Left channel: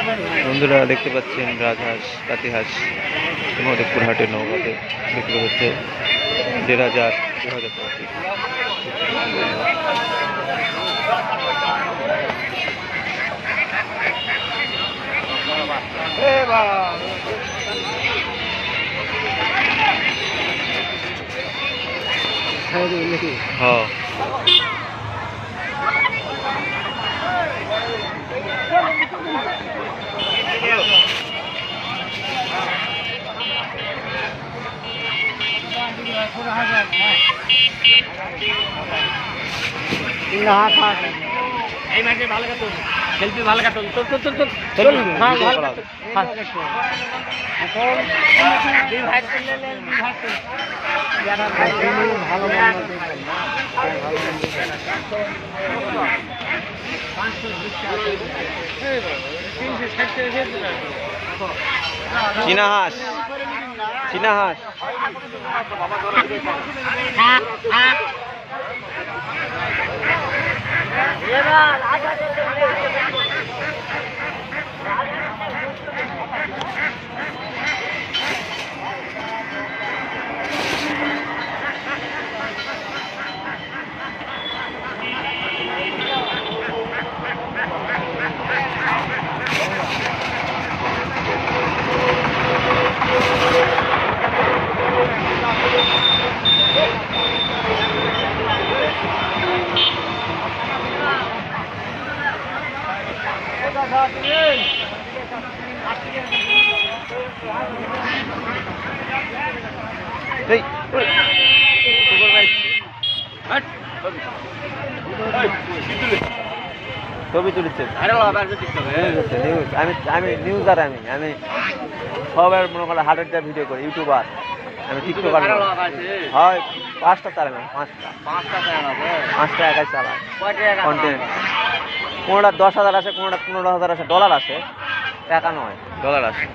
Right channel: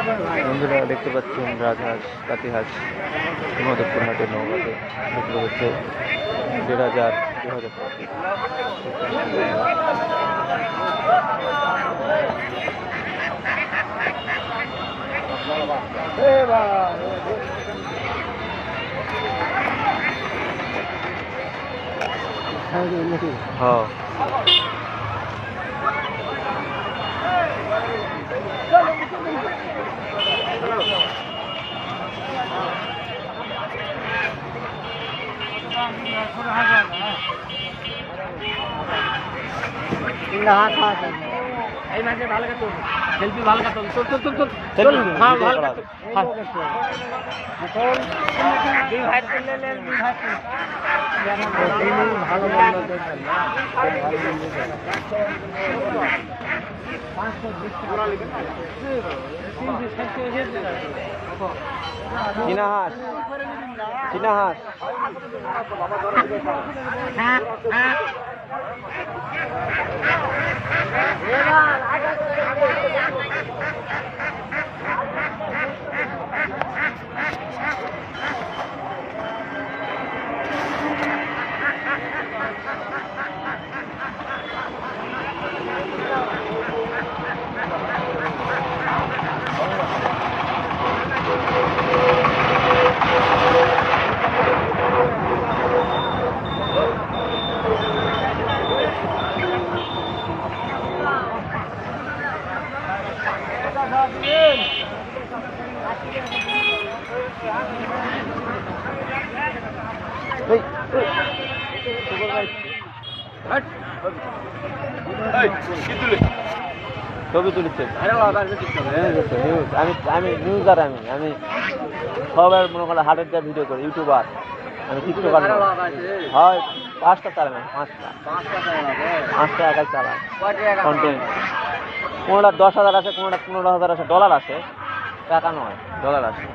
বন্ধুরা দেখতে পাচ্ছেন রাজহাঁস পাতিহাঁস মধুপুর হাটের নৌকাতে বিক্রি হচ্ছে 1,500 টাকা। হ্যাঁ এই মাঝে ভালো কাজ সেলফি ভালো কাজ চল চল চল চল চল হ্যাঁ ভালো কাজ এখন দুই ভাই করলে দুই ভাই যারা ভালো মন্দ দেখবেন না ভালো মন্দ চীনা হাঁস চীনা হাঁস ছবি তুলেছে নিউজ আমি নিউজার আমি সবার মনে করলে হাটের যা ভিডিও করি ইউটিউবার আমি টিকটকার হয় 5টা চালায় না 5টা একাই চালায় কন্টেন্ট কোনোটা 10,000 আছে কোনোটা 15,000 আছে ডলার আছে টাকা নয় ডলার আছে